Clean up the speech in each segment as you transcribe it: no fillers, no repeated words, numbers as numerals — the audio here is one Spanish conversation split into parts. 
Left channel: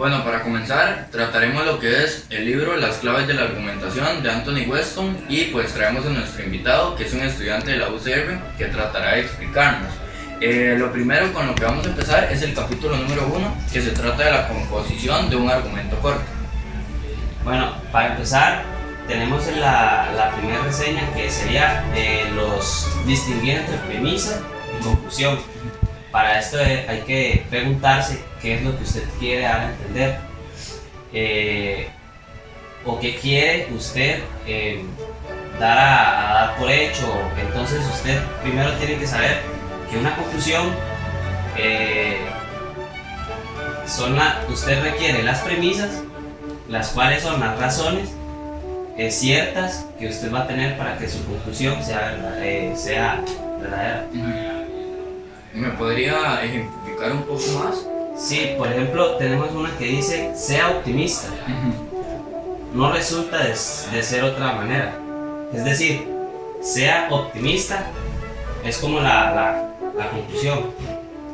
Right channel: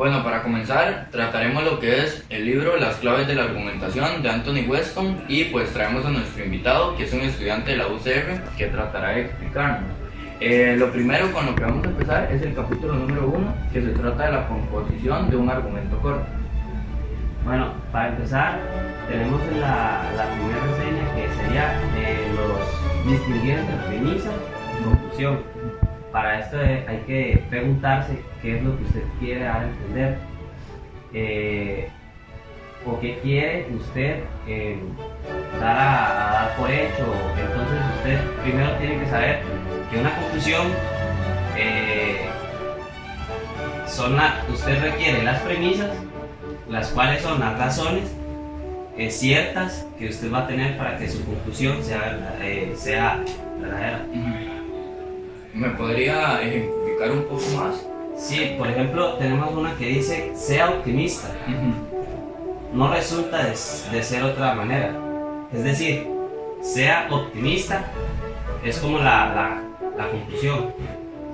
Bueno, para comenzar, trataremos lo que es el libro Las claves de la argumentación de Anthony Weston y pues traemos a nuestro invitado, que es un estudiante de la UCR, que tratará de explicarnos. Lo primero con lo que vamos a empezar es el capítulo número 1, que se trata de la composición de un argumento corto. Bueno, para empezar, tenemos la primera reseña que sería distinguir entre premisa y conclusión. Para esto hay que preguntarse qué es lo que usted quiere dar a entender o qué quiere usted dar a dar por hecho. Entonces usted primero tiene que saber que una conclusión usted requiere las premisas, las cuales son las razones ciertas que usted va a tener para que su conclusión sea verdadera. ¿Me podría ejemplificar un poco más? Sí, por ejemplo, tenemos una que dice, sea optimista. No resulta de ser otra manera. Es decir, sea optimista es como la conclusión.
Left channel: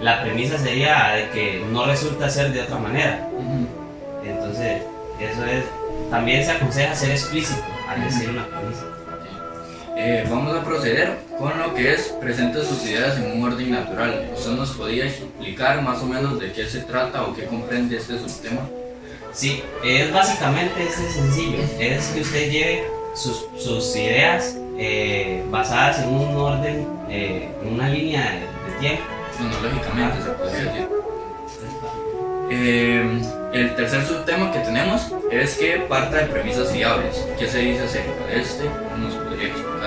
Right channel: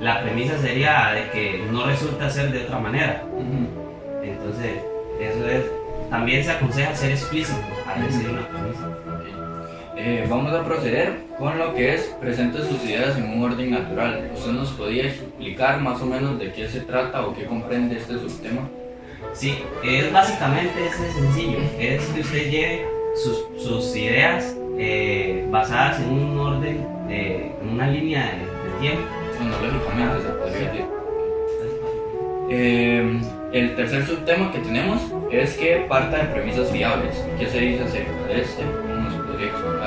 La premisa sería de que no resulta ser de otra manera. Entonces, eso es. También se aconseja ser explícito al decir una premisa. Vamos a proceder con lo que es presente sus ideas en un orden natural. ¿Usted nos podría explicar más o menos de qué se trata o qué comprende este subtema? Sí, es básicamente sencillo. Es que usted lleve sus ideas basadas en un orden, en una línea de tiempo. Cronológicamente se podría decir. El tercer subtema que tenemos es que parta de premisas fiables. ¿Qué se dice acerca de este? ¿Nos podría explicar?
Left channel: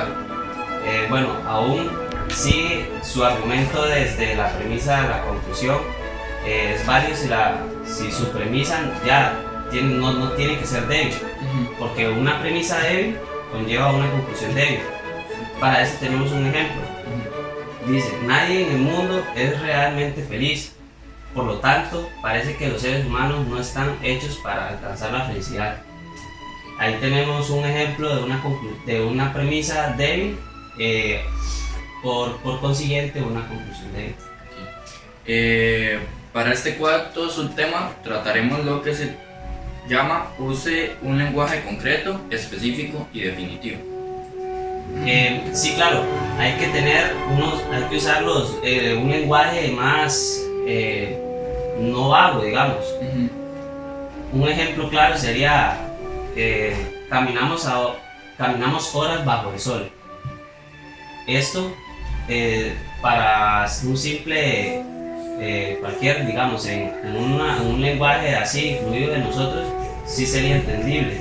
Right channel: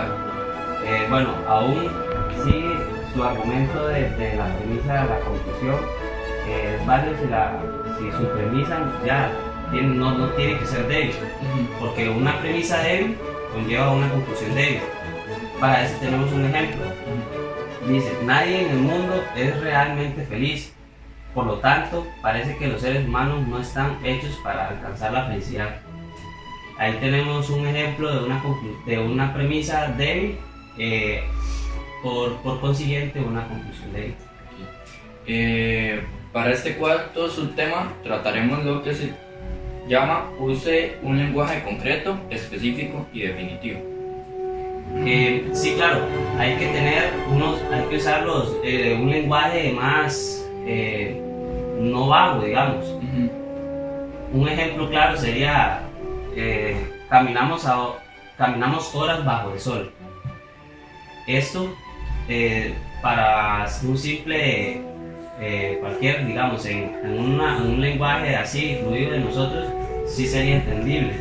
Bueno, aún si su argumento desde la premisa a la conclusión es válido si su premisa ya no tiene que ser débil, porque una premisa débil conlleva una conclusión débil. Para eso tenemos un ejemplo. Dice, nadie en el mundo es realmente feliz. Por lo tanto, parece que los seres humanos no están hechos para alcanzar la felicidad. Ahí tenemos un ejemplo de una premisa débil, por consiguiente una conclusión débil. Para este cuarto subtema trataremos lo que se llama use un lenguaje concreto, específico y definitivo. Sí, claro, hay que usar un lenguaje más no vago, digamos. Un ejemplo claro sería caminamos horas bajo el sol. Esto para un simple cualquier, digamos, en un lenguaje así fluido de nosotros sí sería entendible,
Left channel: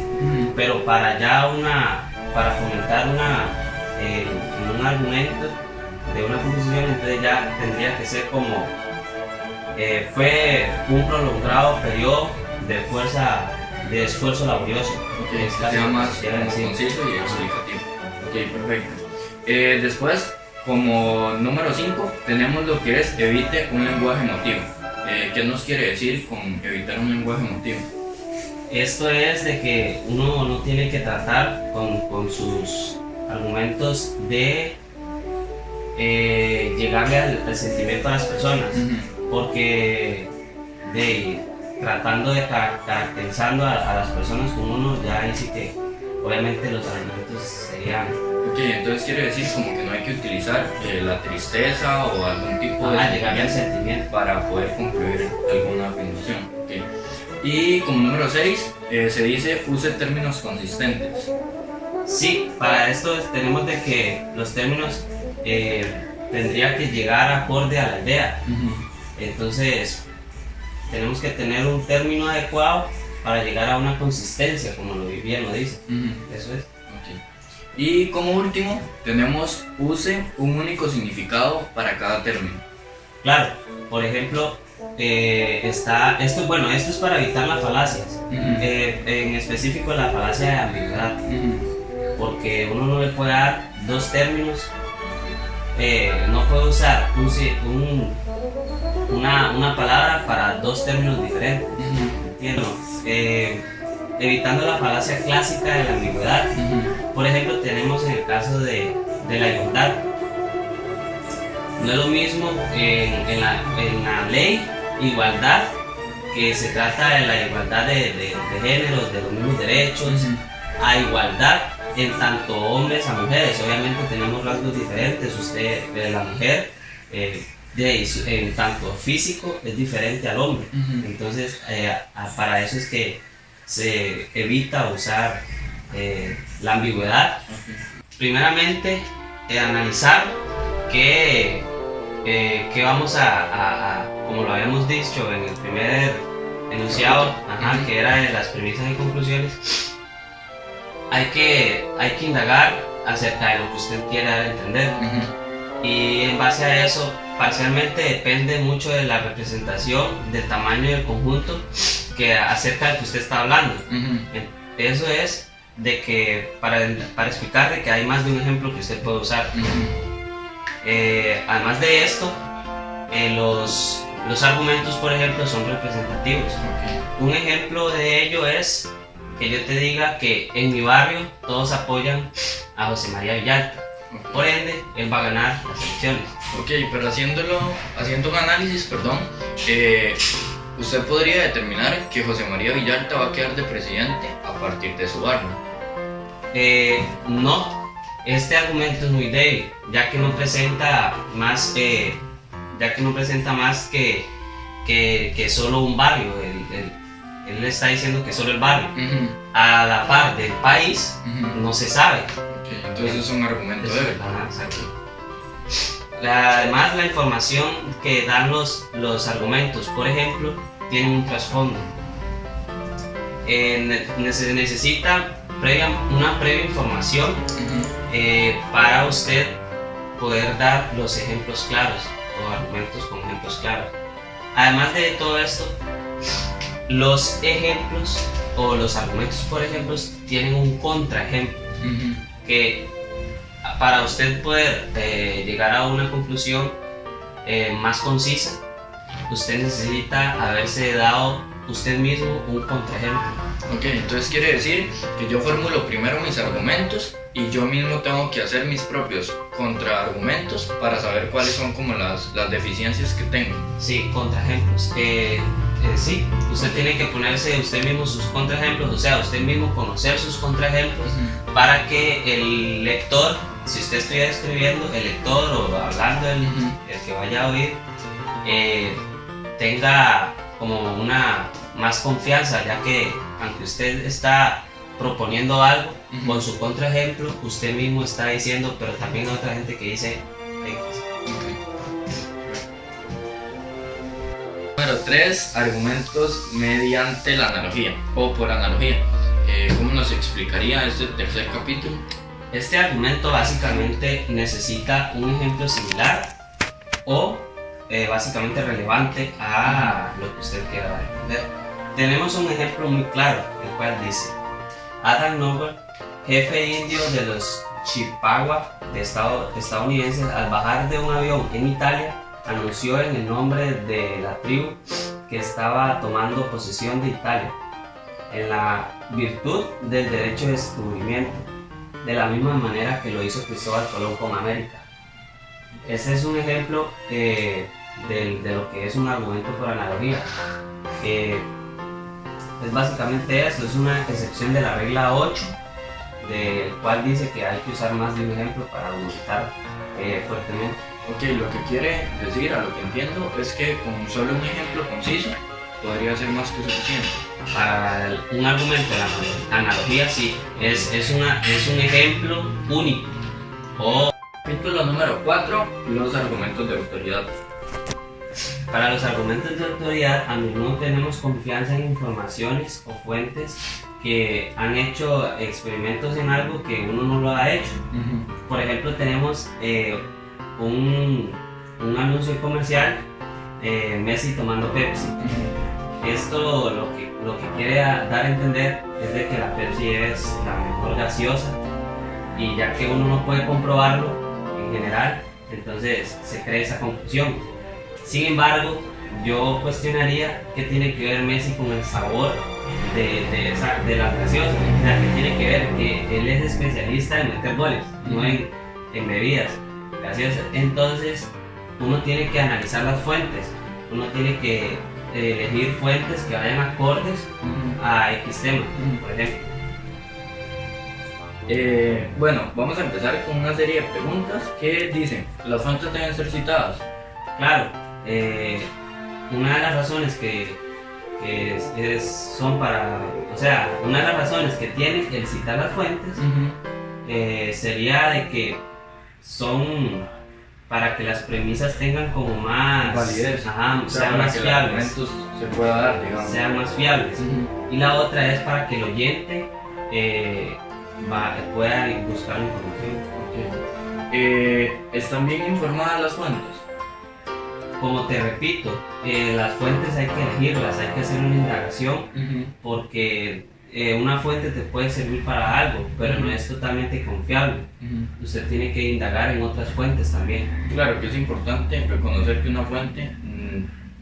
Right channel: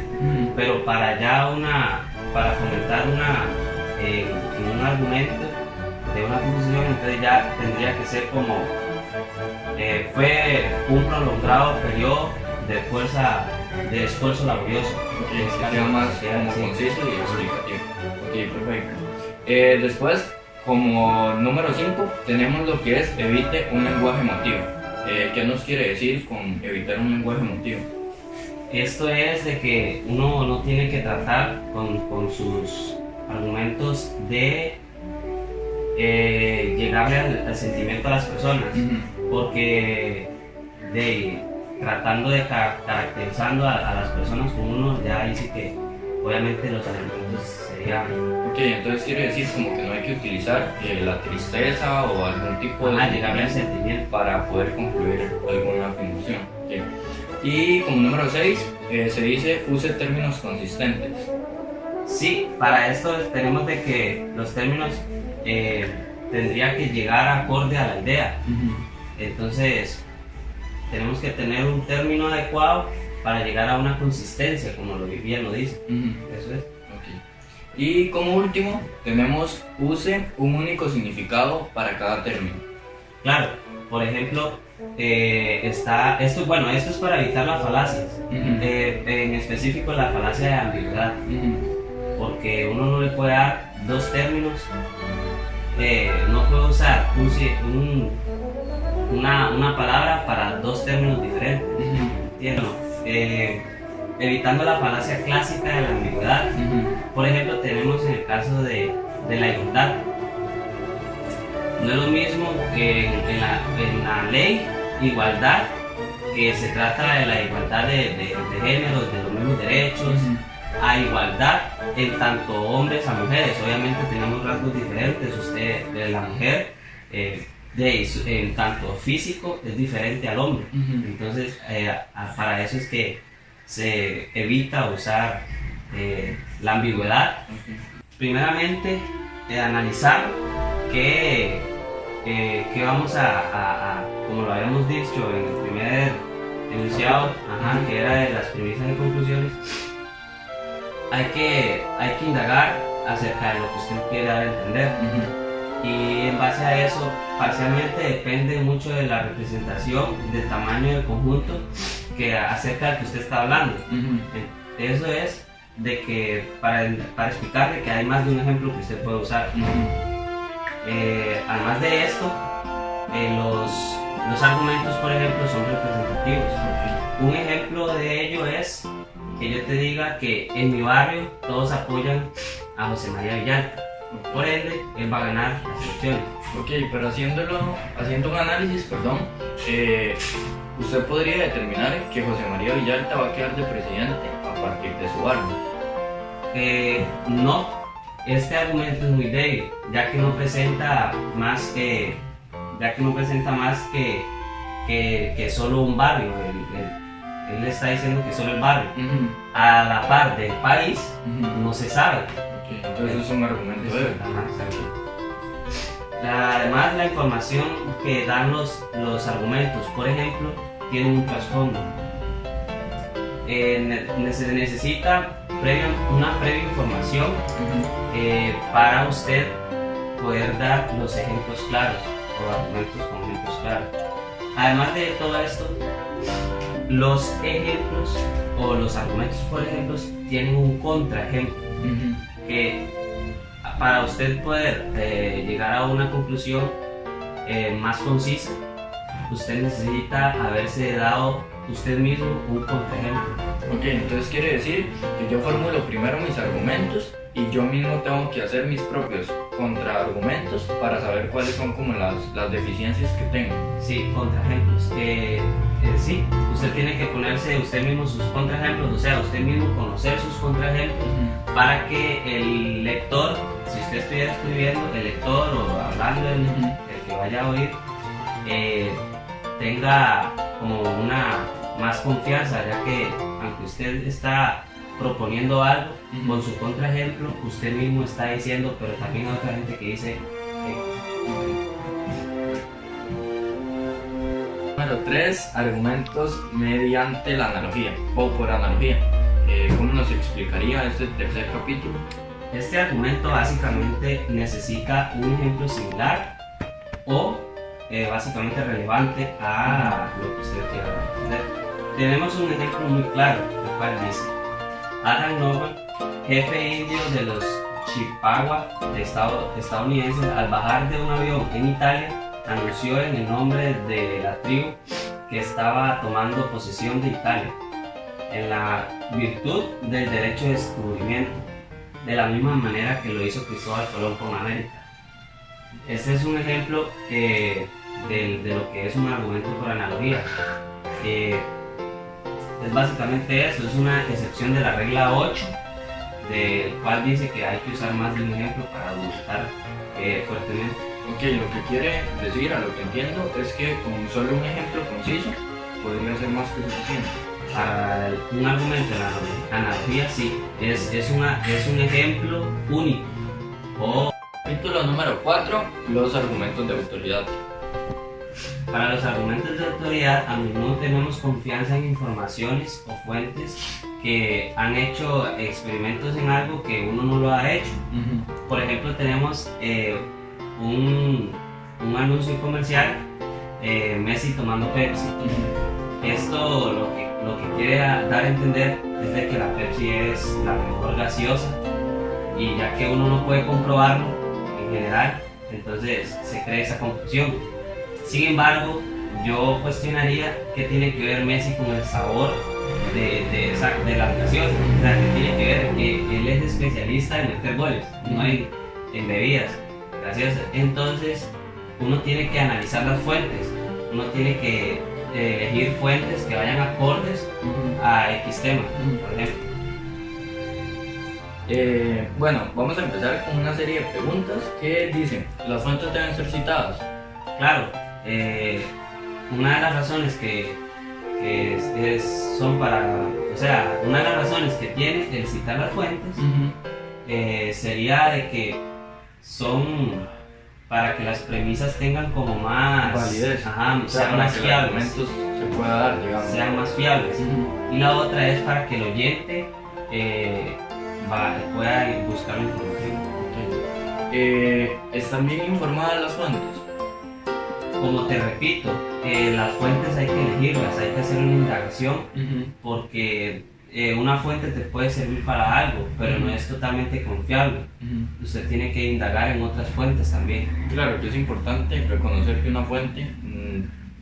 pero para comentar un argumento de una composición, entonces ya tendría que ser como fue un prolongado periodo de esfuerzo laborioso. Sea más conciso y explicativo. Perfecto. Después, como número 5, tenemos lo que es evite un lenguaje emotivo. ¿Qué nos quiere decir con evitar un lenguaje emotivo? Esto es de que uno no tiene que tratar con sus argumentos de llegarle al sentimiento a las personas, porque tratando de caracterizando a las personas como uno, ya ahí sí que obviamente los argumentos serían... Ok, entonces quiere decir como que no hay que utilizar la tristeza o algún tipo de llegarle al sentimiento para poder concluir alguna afirmación. Okay. Y como número 6 se dice use términos consistentes. Sí, para esto tenemos de que los términos tendría que llegar acorde a la idea. Entonces tenemos que tener un término adecuado para llegar a una consistencia, como bien lo dice. Eso es. Okay. Y como último tenemos use un único significado para cada término. Claro, por ejemplo, esto es para evitar las falacias, en específico la falacia de ambigüedad, porque uno no le puede dar dos términos, no puede usar una palabra para dos términos diferentes. ¿Entiendo? Evitando la falacia clásica de la ambigüedad. Por ejemplo, tenemos en el caso de la igualdad. No es lo mismo en la ley igualdad que se trata de la igualdad de géneros, de los mismos derechos, a igualdad en tanto hombres a mujeres. Obviamente tenemos rasgos diferentes, usted de la mujer en tanto físico es diferente al hombre, entonces para eso es que se evita usar la ambigüedad. Primeramente analizar que vamos como lo habíamos dicho en el primer enunciado, que era de las premisas y conclusiones. Hay que indagar acerca de lo que usted quiere dar a entender, y en base a eso parcialmente depende mucho de la representación, del tamaño del conjunto acerca del que usted está hablando. Eso es de que para explicarle que hay más de un ejemplo que usted puede usar. Además de esto, los argumentos, por ejemplo, son representativos. Un ejemplo de ello es que yo te diga que en mi barrio todos apoyan a José María Villalta, por ende él va a ganar las elecciones. Ok, pero haciendo un análisis, usted podría determinar que José María Villalta va a quedar de presidente a partir de su barrio. No, este argumento es muy débil, ya que no presenta más que solo un barrio. Él está diciendo que solo el barrio. A la par del país, no se sabe. Okay, entonces es un argumento débil. Además, la información que dan los argumentos, por ejemplo, tiene un trasfondo. Se necesita una previa información para usted poder dar los ejemplos claros o argumentos con ejemplos claros. Además de todo esto, los ejemplos o los argumentos, por ejemplo, tienen un contraejemplo que para usted poder llegar a una conclusión más concisa, usted necesita haberse dado usted mismo un contraejemplo. Ok, entonces quiere decir que yo formulo primero mis argumentos y yo mismo tengo que hacer mis propios contraargumentos para saber cuáles son como las deficiencias que tengo. Sí, contraejemplos. Sí, usted tiene que ponerse usted mismo sus contraejemplos, o sea, usted mismo conocer sus contraejemplos para que el lector, si usted estuviera escribiendo, el lector o hablando el que vaya a oír, tenga como una más confianza, ya que aunque usted está proponiendo algo con su contraejemplo, usted mismo está diciendo, pero también hay otra gente que dice Número 3, argumentos mediante la analogía o por analogía. ¿Cómo nos explicaría este tercer capítulo? Este argumento básicamente necesita un ejemplo similar o básicamente relevante a lo que usted quiera entender. Tenemos un ejemplo muy claro, el cual dice: Adam Noble, jefe indio de los Chippewa estadounidenses, al bajar de un avión en Italia, anunció en el nombre de la tribu que estaba tomando posesión de Italia, en la virtud del derecho de descubrimiento, de la misma manera que lo hizo Cristóbal Colón con América. Este es un ejemplo de lo que es un argumento por analogía. Es básicamente eso, es una excepción de la regla 8, del cual dice que hay que usar más de un ejemplo para argumentar fuertemente. Ok, lo que quiere decir, a lo que entiendo, es que con solo un ejemplo conciso podría ser más que suficiente. Para un argumento de analogía, sí, es un ejemplo único. Capítulo número 4, los argumentos de autoridad. Para los argumentos de autoridad, a menudo tenemos confianza en informaciones o fuentes que han hecho experimentos en algo que uno no lo ha hecho. Por ejemplo, tenemos un anuncio comercial, Messi tomando Pepsi. Esto lo que quiere dar a entender es de que la Pepsi es la mejor gaseosa, y ya que uno no puede comprobarlo en general, entonces se crea esa conclusión. Sin embargo, yo cuestionaría qué tiene que ver Messi con el sabor de la gaseosa. O sea, que tiene que ver que él es especialista en meter goles, no en bebidas gaseosas. Entonces, uno tiene que analizar las fuentes, uno tiene que elegir fuentes que vayan acordes a X tema, por ejemplo. Bueno, vamos a empezar con una serie de preguntas que dicen, ¿las fuentes deben ser citadas? Claro, una de las razones son para, o sea, una de las razones que tiene el citar las fuentes sería de que son para que las premisas tengan como más validez, sean más fiables, se pueda dar, digamos. sean más fiables. Y la otra es para que el oyente pueda buscar la información. ¿Están bien informadas las fuentes? Como te repito, las fuentes hay que elegirlas, hay que hacer una indagación, porque una fuente te puede servir para algo, pero no es totalmente confiable. Usted tiene que indagar en otras fuentes también. Claro que es importante reconocer que una fuente,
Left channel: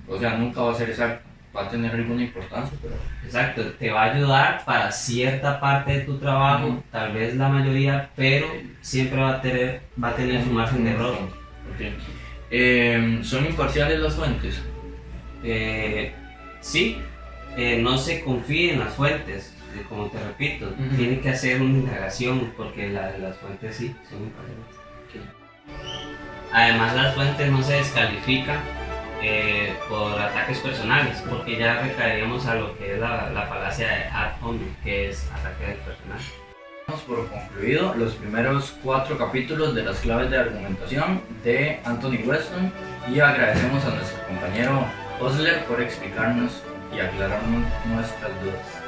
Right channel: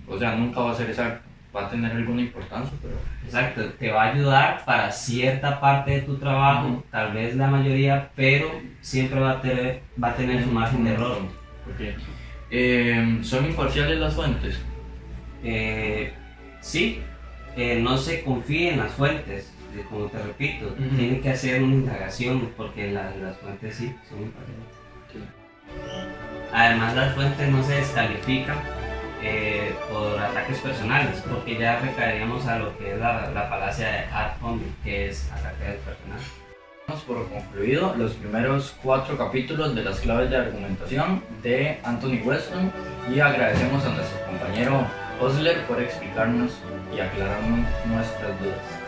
o sea, nunca va a ser exacta, va a tener alguna importancia, pero... Exacto, te va a ayudar para cierta parte de tu trabajo, tal vez la mayoría, pero siempre va a tener su margen de error. ¿Son imparciales las fuentes? Sí, no se confíe en las fuentes, como te repito, tiene que hacer una indagación porque las fuentes sí son imparciales. Además, las fuentes no se descalifican por ataques personales, porque ya recaeríamos a lo que es la falacia de ad hominem, que es ataque personal. Damos por concluido los primeros 4 capítulos de las claves de argumentación de Anthony Weston y agradecemos a nuestro compañero Osler por explicarnos y aclararnos nuestras dudas.